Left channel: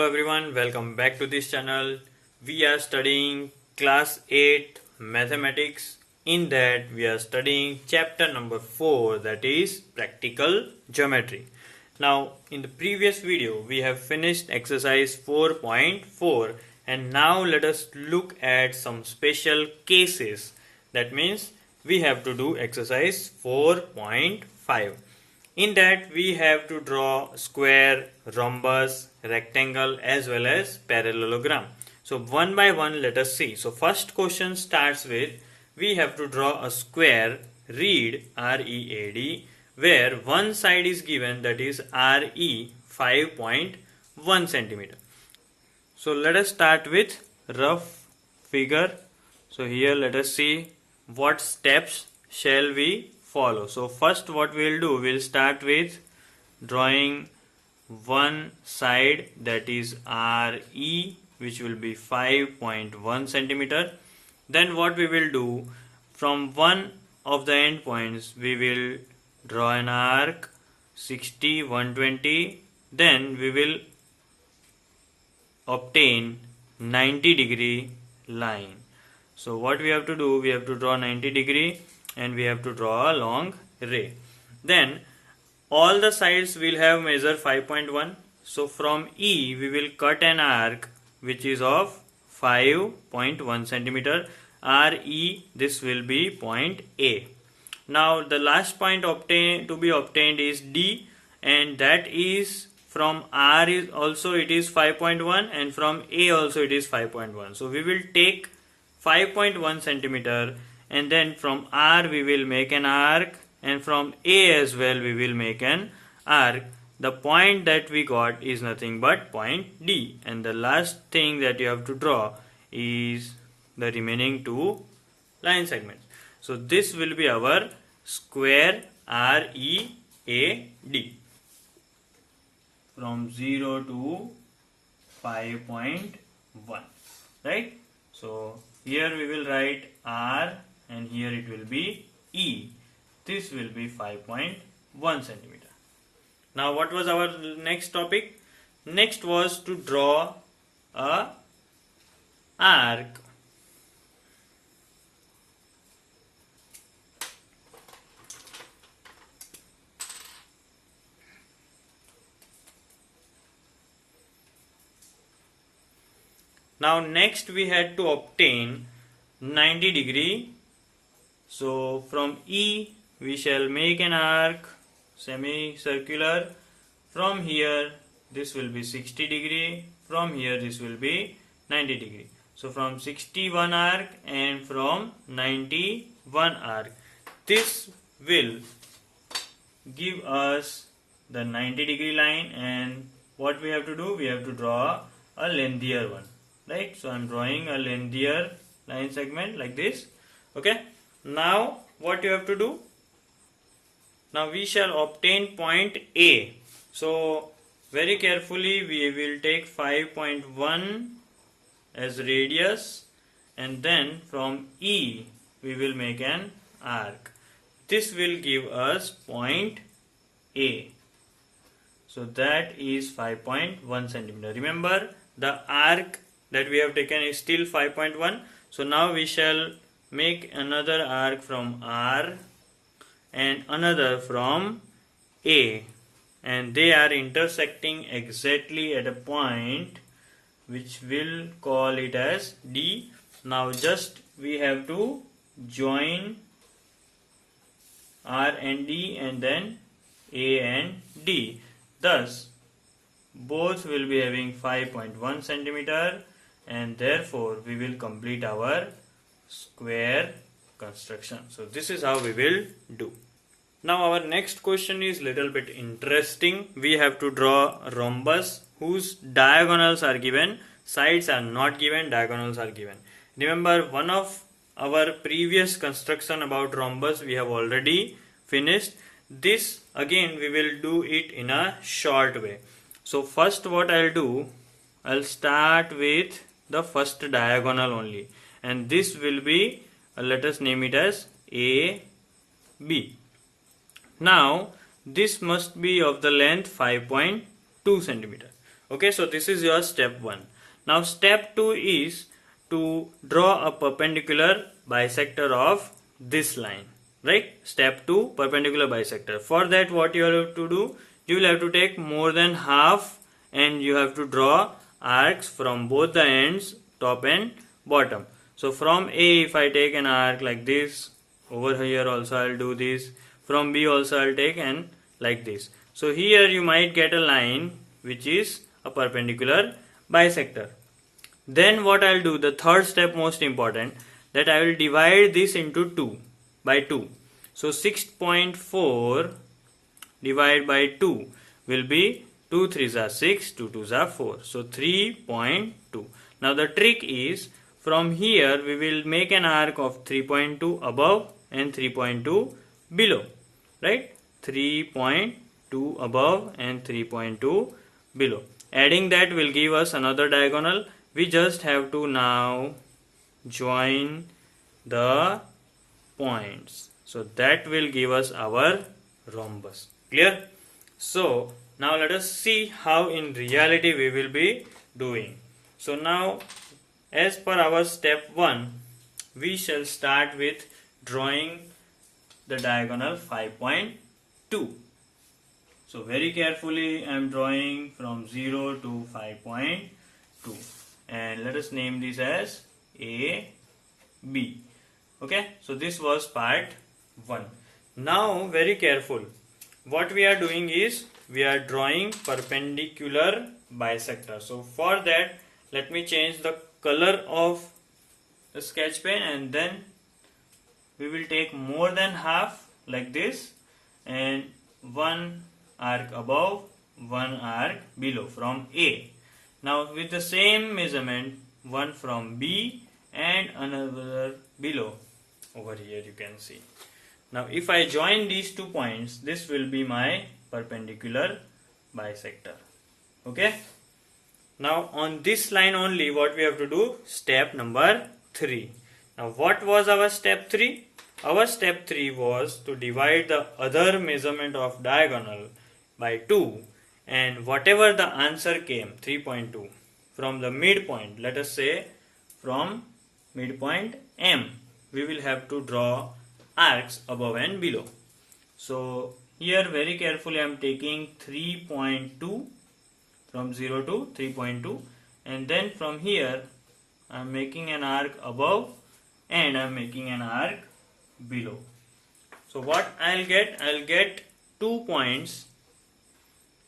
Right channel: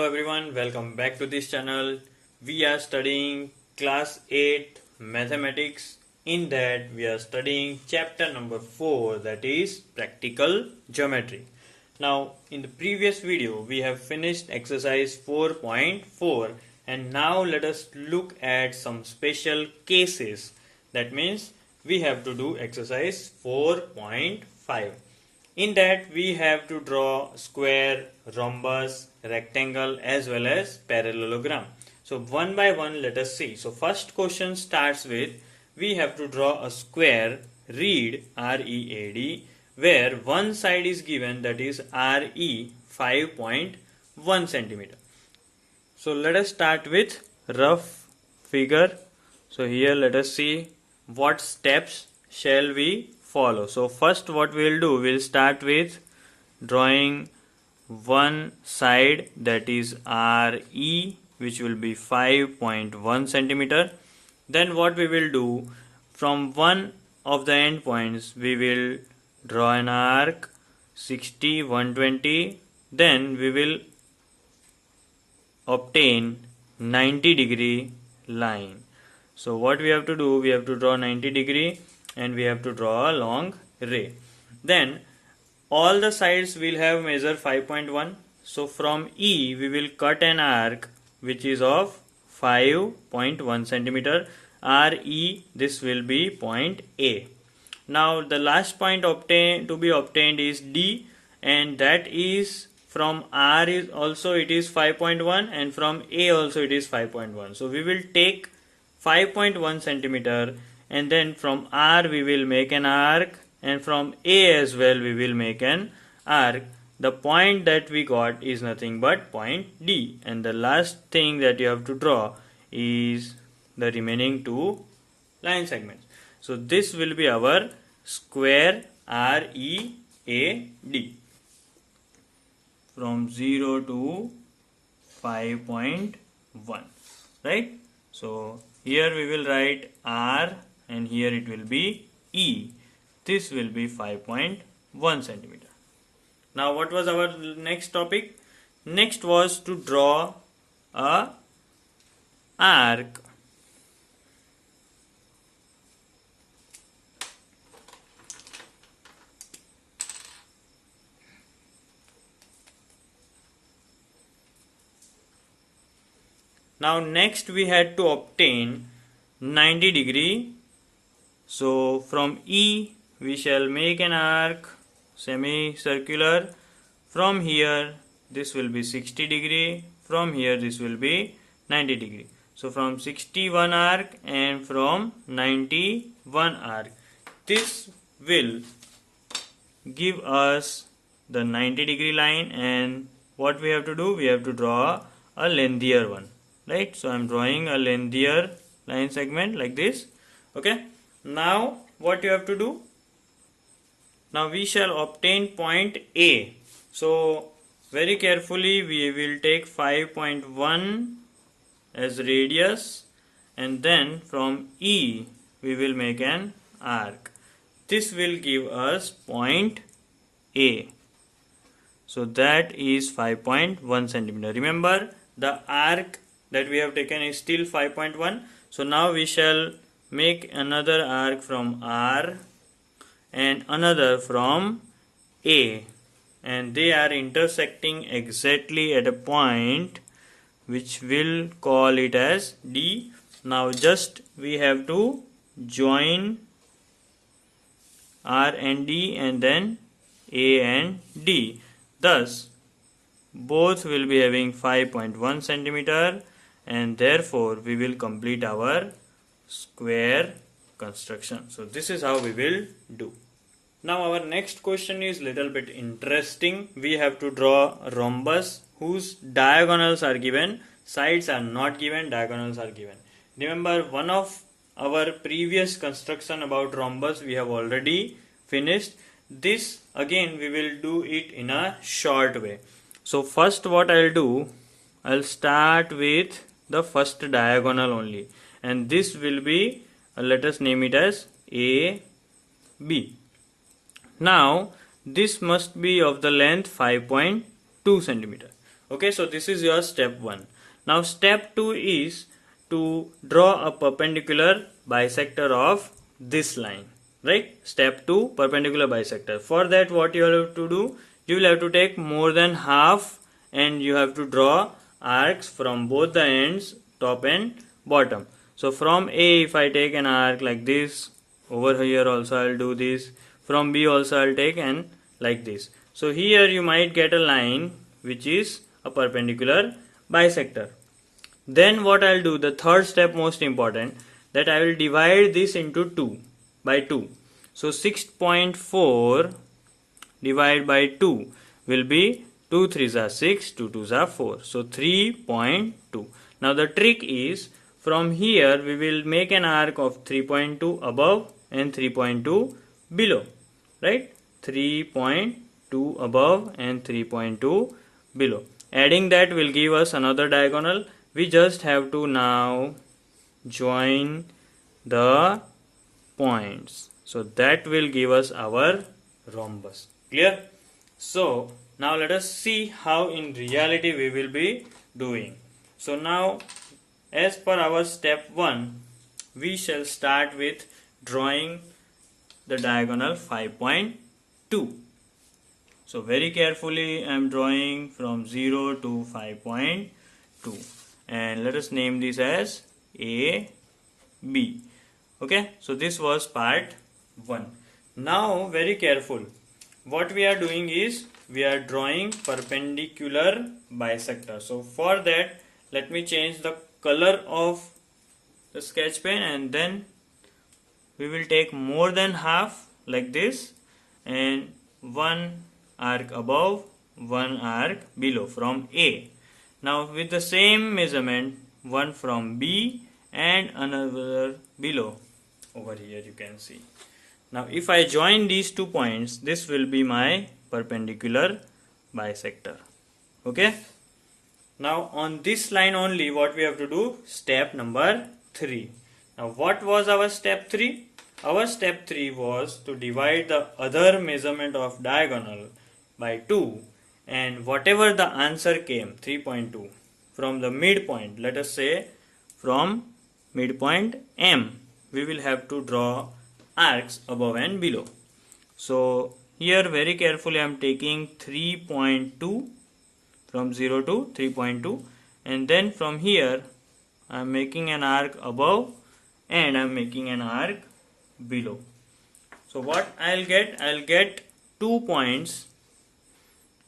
Hello everyone, welcome back to this channel. We are studying class 8 mathematics. In that we are studying chapter number 4, that is practical geometry. Now in the previous video we have finished exercise 4.4 and now let us look at some special cases. That means we have to do exercise 4.5. In that we have to draw square, rhombus, rectangle as well as parallelogram. So one by one let us see. So first question starts with we have to draw a square, read READ, where one side is given, that is RE 5.1 centimeter. So let us start with rough figure. So here let us see what steps shall we follow. So first what we will do, we will start with drawing one side, that is RE, which will be 5.1 centimeter. Then what we will do, from one of the end points we will draw an arc 60, 120. Then we will obtain 90-degree line. So what we have to do, we have to draw 90-degree and we have to draw a long ray. Then all the sides will have measure 5.1. So from E we will cut an arc which is of 5.1 centimeter. RE, this will be point A. Now the last point to be obtained is D, and that is from R is also it is 5.1 and from A also it is 5.1. So we will take 5.1 centimeter and then from R we will make an arc and from A as well we will make an arc. The point that we got is nothing but point D, and the last thing that you have to draw is the remaining two line segments. So this will be our square READ from 0 to 5.1, right? So here we will write R and here it will be E. This will be 5.1 centimeter. Now what was our next topic? Next was to draw a arc. Now next we had to obtain 90-degree. So from E we shall make an arc semicircular. From here this will be 60-degree. From here this will be 90-degree. So from 61 arc and from 91 arc. This will give us the 90-degree line, and what we have to do, we have to draw a lengthier one. Right, so I am drawing a lengthier line segment like this. Okay, now what you have to do? Now we shall obtain point A. So very carefully we will take 5.1 as radius, and then from E we will make an arc. This will give us point A. So that is 5.1 centimeter. Remember, the arc that we have taken is still 5.1. So now we shall make another arc from R and another from A, and they are intersecting exactly at a point which will call it as D. Now just we have to join R and D and then A and D. Thus both will be having 5.1 centimeter, and therefore we will complete our square construction. So this is how we will do. Now our next question is little bit interesting. We have to draw a rhombus whose diagonals are given, sides are not given, diagonals are given. Remember, one of our previous construction about rhombus we have already finished. This again we will do it in a short way. So first what I'll do, I'll start with the first diagonal only, and this will be, let us name it as AB. Now this must be of the length 5.2 centimeter. Okay, so this is your step 1. Now step 2 is to draw a perpendicular bisector of this line, right? Step 2, perpendicular bisector. For that, what you have to do, you will have to take more than half and you have to draw arcs from both the ends, top and bottom. So from A, if I take an arc like this, over here also I will do this. From B also I will take and like this. So here you might get a line which is a perpendicular bisector. Then what I will do, the third step most important, that I will divide this into 2 by 2. So 6.4 divided by 2 will be 2 3s are 6, 2 2s are 4. So 3.2. Now the trick is, from here we will make an arc of 3.2 above and 3.2 below, right? 3.2 above and 3.2 below. Adding that will give us another diagonal. We just have to now join the points. So that will give us our rhombus. Clear? So now let us see how in reality we will be doing. So now, as per our step 1, we shall start with drawing the diagonal 5.2. So very carefully I am drawing from 0 to 5.2, and let us name this as A, B. Okay, so this was part 1. Now very careful. What we are doing is we are drawing perpendicular bisector. So for that, let me change the color of the sketch pen, and then we will take more than half like this, and one arc above, one arc below from A. Now with the same measurement, one from B and another below. Over here you can see. Now if I join these 2 points, this will be my perpendicular bisector. Okay. Now on this line only, what we have to do, step number 3. Now what was our step 3? Our step 3 was to divide the other measurement of diagonal by 2, and whatever the answer came, 3.2, from the midpoint, let us say from midpoint M, we will have to draw arcs above and below. So here very carefully I am taking 3.2 from 0 to 3.2, and then from here I am making an arc above and I am making an arc below. So what I'll get 2 points.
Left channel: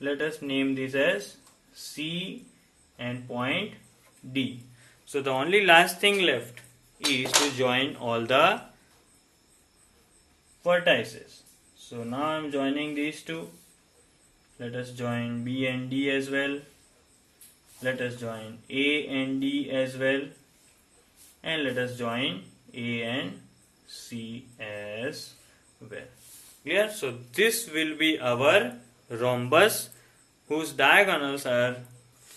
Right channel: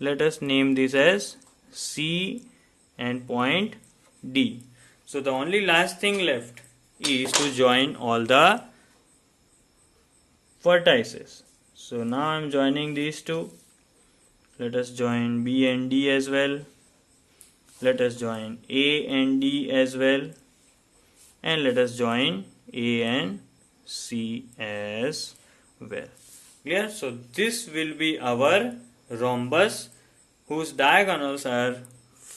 Let us name this as C and point D. So the only last thing left is to join all the vertices. So now I am joining these two. Let us join B and D as well. Let us join A and D as well. And let us join A and C as well. Yeah, so this will be our rhombus, whose diagonals are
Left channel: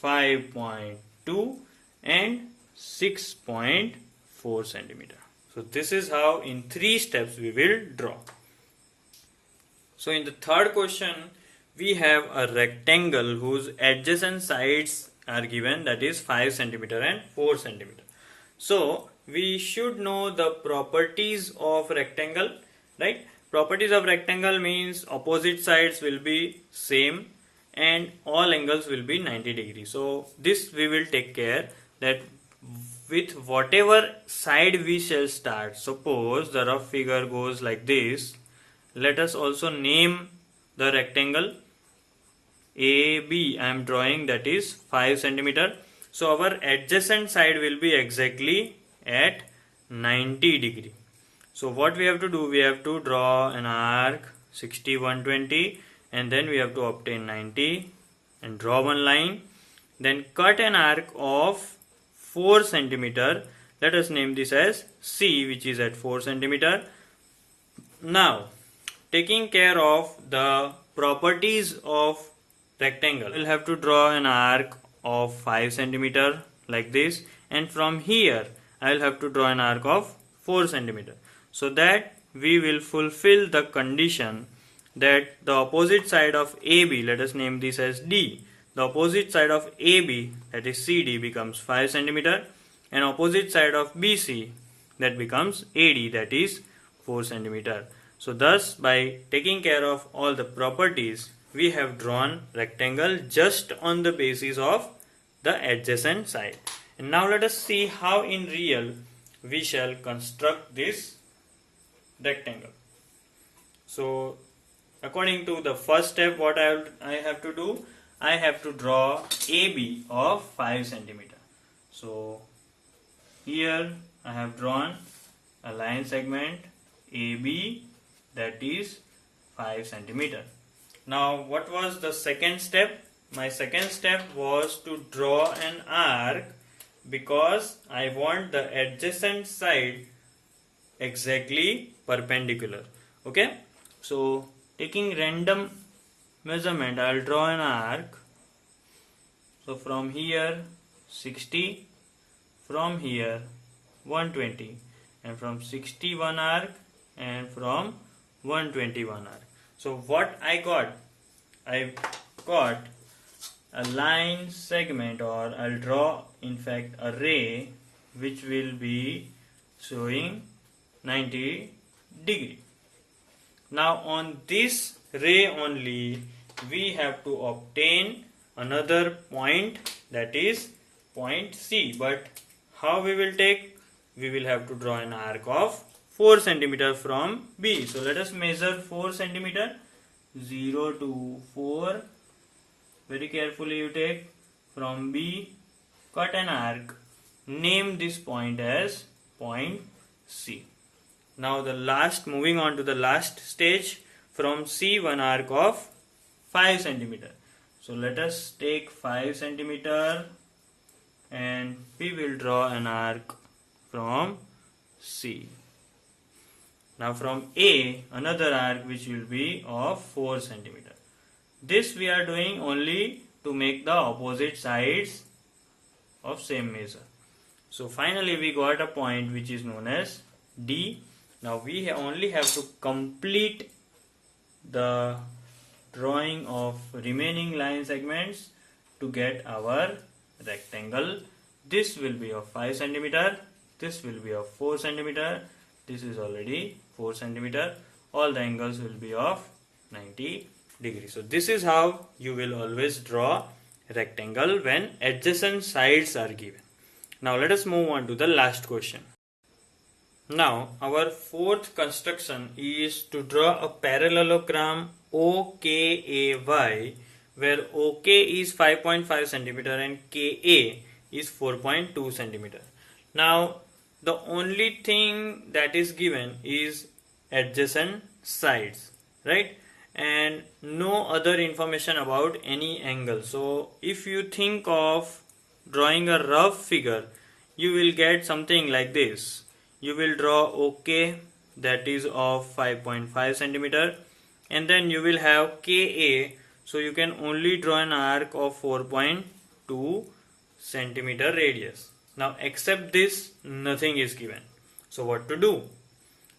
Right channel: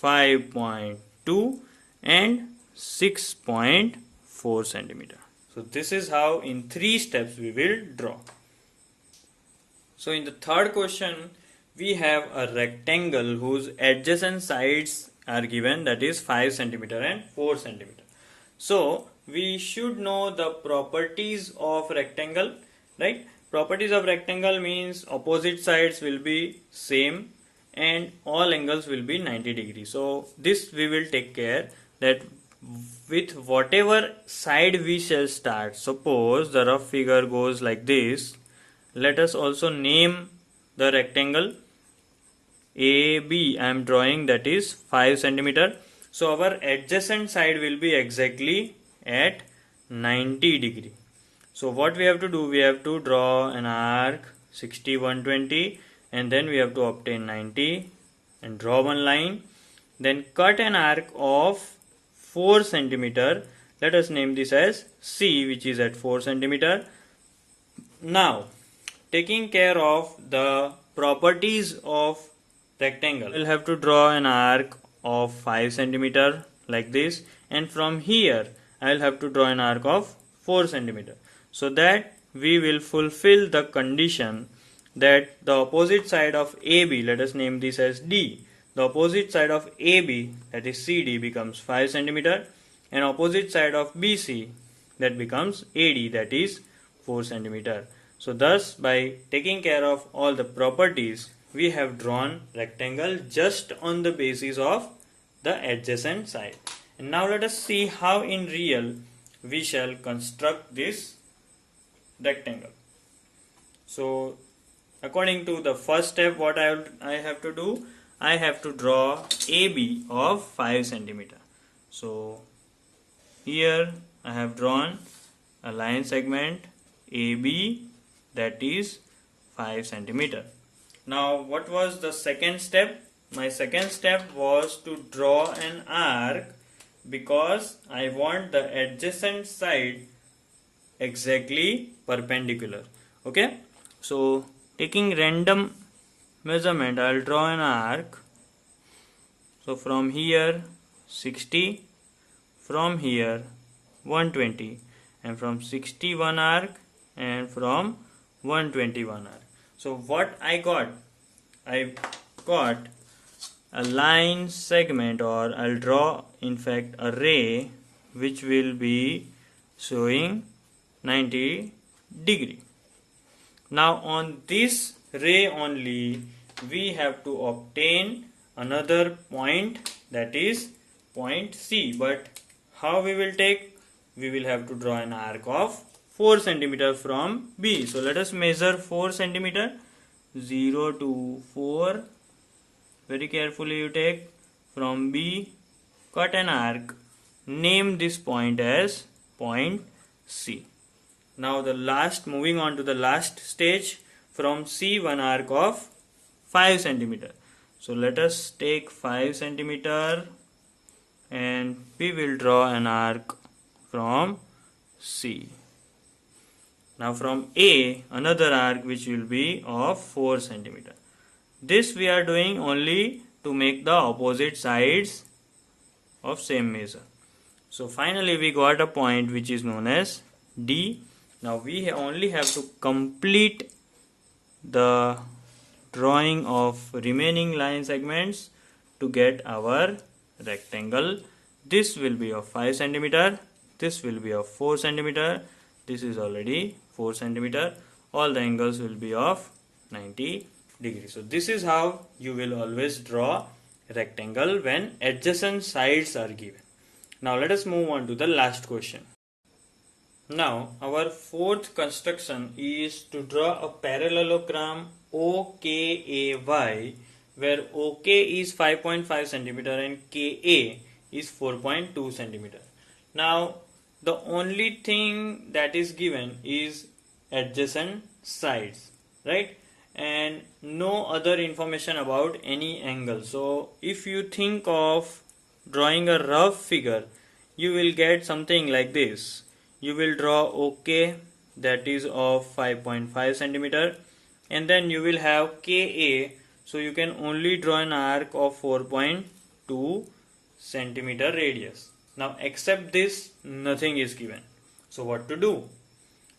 5.2 and 6.4 centimeter. So this is how in 3 steps we will draw. So in the third question, we have a rectangle whose adjacent sides are given, that is 5 centimeter and 4 centimeter. So we should know the properties of rectangle, right? Properties of rectangle means opposite sides will be same and all angles will be 90 degrees. So this we will take care that with whatever side we shall start. Suppose the rough figure goes like this. Let us also name the rectangle AB. I am drawing, that is 5 centimeter. So our adjacent side will be exactly at 90 degree. So what we have to do, we have to draw an arc 60, 120, and then we have to obtain 90 and draw one line. Then cut an arc of 4 centimeter. Let us name this as C, which is at 4 centimeter. Now, taking care of the properties of rectangle, we'll have to draw an arc of 5 centimeter like this, and from here I will have to draw an arc of 4 centimeter, so that we will fulfill the condition that the opposite side of AB, let us name this as D, the opposite side of AB, that is CD, becomes 5 cm, and opposite side of BC, that becomes AD, that is 4 cm. So thus, by taking care of all the properties, we have drawn rectangle just on the basis of the adjacent side. And now let us see how in real we shall construct this rectangle. So according to the first step, what I have to do, I have to draw AB of 5 cm. So here I have drawn a line segment AB, that is 5 cm. Now what was the second step? My second step was to draw an arc, because I want the adjacent side exactly perpendicular. Okay, so taking random measurement, I will draw an arc. So from here 60, from here 120, and from 61 arc, and from 121 arc. So what I got a line segment, or I'll draw in fact a ray which will be showing 90 degree. Now on this ray only we have to obtain another point, that is point C. But how we will take? We will have to draw an arc of 4 cm from B. So let us measure 4 cm. 0 to 4. Very carefully you take from B, cut an arc, name this point as point C. Now moving on to the last stage, from C one arc of 5 cm. So let us take 5 cm and we will draw an arc from C. Now from A, another arc which will be of 4 cm. This we are doing only to make the opposite sides of same measure. So finally we got a point which is known as D. Now we only have to complete the drawing of remaining line segments to get our rectangle. This will be of 5 cm, this will be of 4 cm, this is already 4 cm. All the angles will be of 90 degrees. So this is how you will always draw rectangle when adjacent sides are given. Now let us move on to the last question. Now our fourth construction is to draw a parallelogram OKAY, where OK is 5.5 cm and KA is 4.2 cm. Now the only thing that is given is adjacent sides, right? And no other information about any angle. So if you think of drawing a rough figure, you will get something like this. You will draw OK, that is of 5.5 cm, and then you will have KA, so you can only draw an arc of 4.2 cm radius. Now except this, nothing is given. So what to do?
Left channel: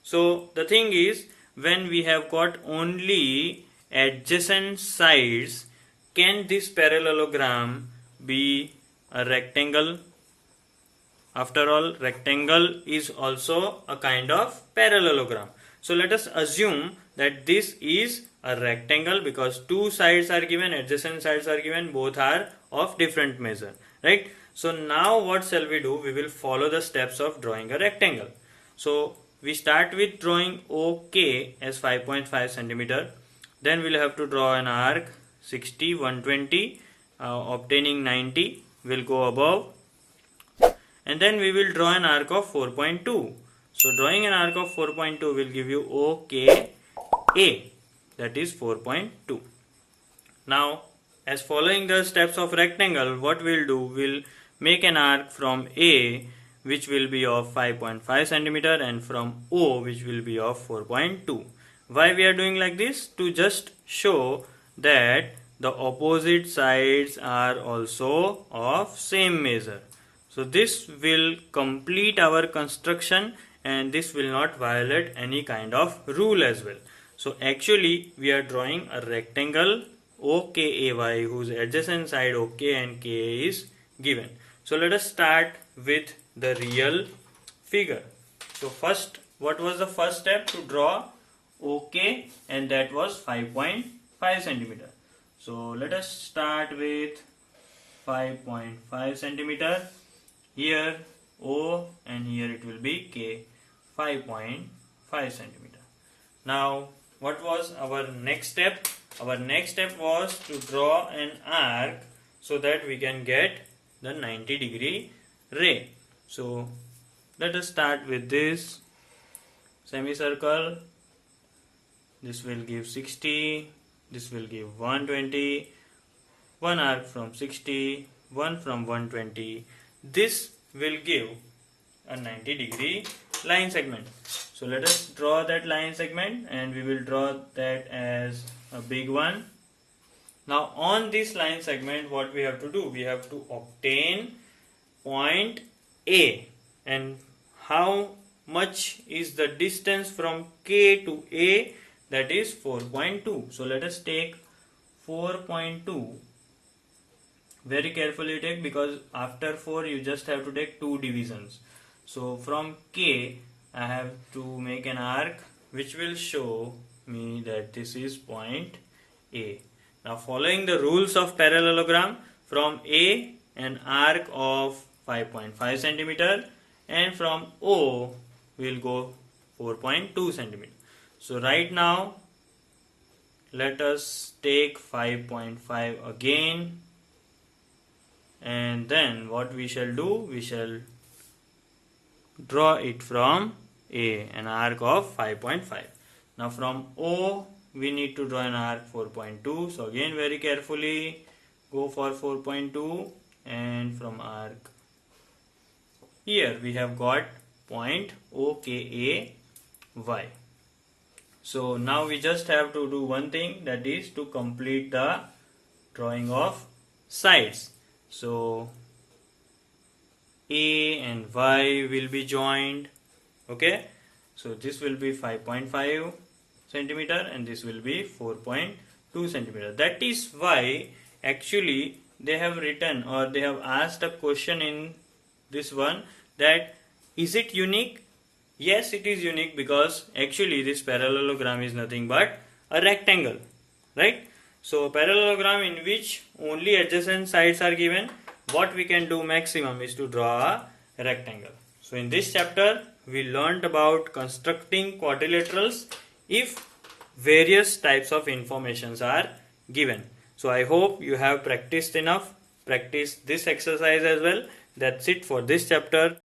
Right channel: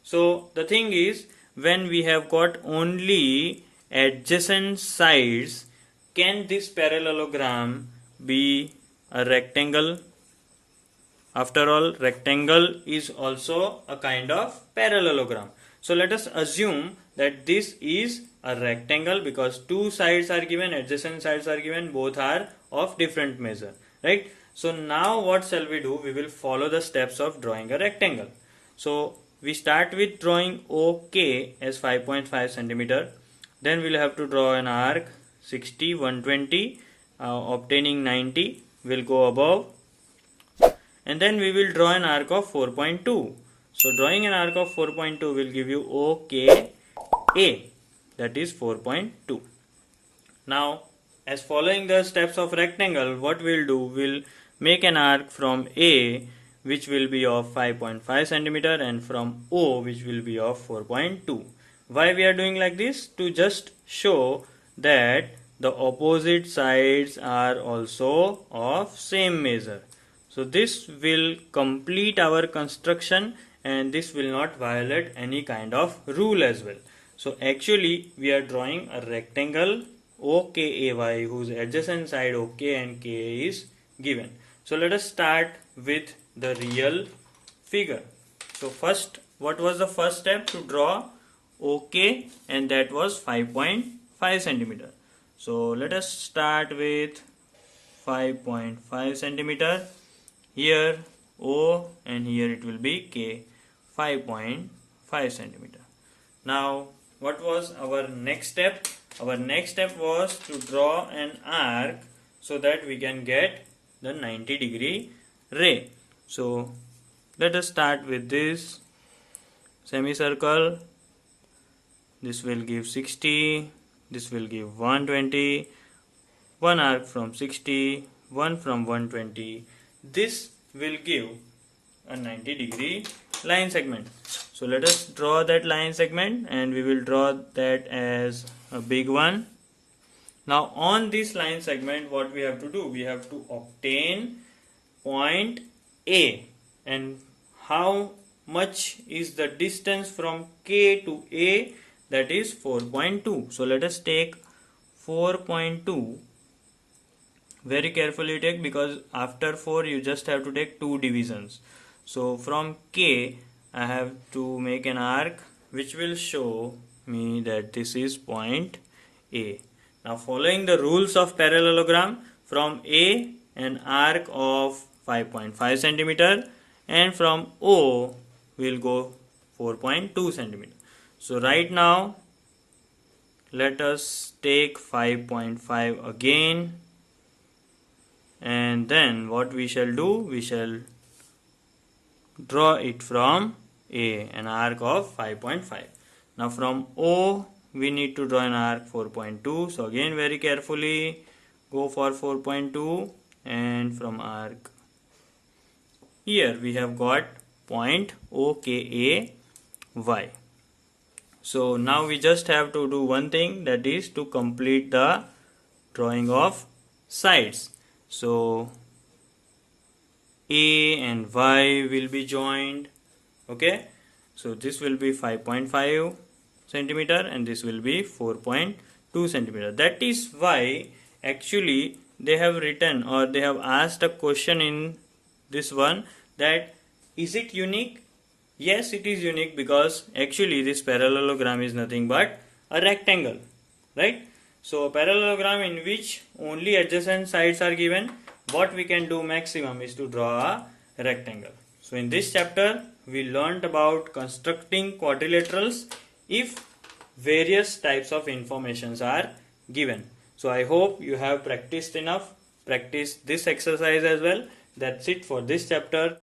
So the thing is, when we have got only adjacent sides, can this parallelogram be a rectangle? After all, rectangle is also a kind of parallelogram. So let us assume that this is a rectangle, because two sides are given, adjacent sides are given, both are of different measure, right? So now what shall we do? We will follow the steps of drawing a rectangle. So we start with drawing OK as 5.5 cm. Then we will have to draw an arc 60, 120, obtaining 90. Will go above. And then we will draw an arc of 4.2. So drawing an arc of 4.2 will give you OKA, that is 4.2. Now as following the steps of rectangle, what we will do, we will make an arc from A which will be of 5.5 cm and from O which will be of 4.2. Why we are doing like this? To just show that the opposite sides are also of same measure. So this will complete our construction, and this will not violate any kind of rule as well. So actually we are drawing a rectangle OKAY, whose adjacent side OK and K is given. So let us start with the real figure. So first, what was the first step? To draw OK, and that was 5.5 centimeter. So let us start with 5.5 centimeter. Here O and here it will be K, 5.5 centimeter. Now what was our next step? Our next step was to draw an arc so that we can get the 90-degree ray. So let us start with this semicircle. This will give 60, this will give 120, one arc from 60, one from 120. This will give a 90-degree line segment. So let us draw that line segment, and we will draw that as a big one. Now on this line segment, what we have to do? We have to obtain point A. And how much is the distance from K to A? That is 4.2. So let us take 4.2. Very carefully take, because after 4 you just have to take 2 divisions. So from K I have to make an arc which will show me that this is point A. Now following the rules of parallelogram, from A an arc of 5.5 centimeter, and from O we'll go 4.2 centimeter. So right now let us take 5.5 again, and then what we shall do? We shall draw it from A, an arc of 5.5. Now from O we need to draw an arc 4.2. So again very carefully go for 4.2, and from arc here we have got point OKAY. So now we just have to do one thing, that is to complete the drawing of sides. So A and Y will be joined. Okay, so this will be 5.5 centimeter and this will be 4.2 centimeter. That is why actually they have written, or they have asked a question in this one, that is it unique? Yes, it is unique, because actually this parallelogram is nothing but a rectangle, right? So a parallelogram in which only adjacent sides are given, what we can do maximum is to draw a rectangle. So in this chapter we learned about constructing quadrilaterals if various types of informations are given. So I hope you have practiced enough. Practice this exercise as well. That's it for this chapter.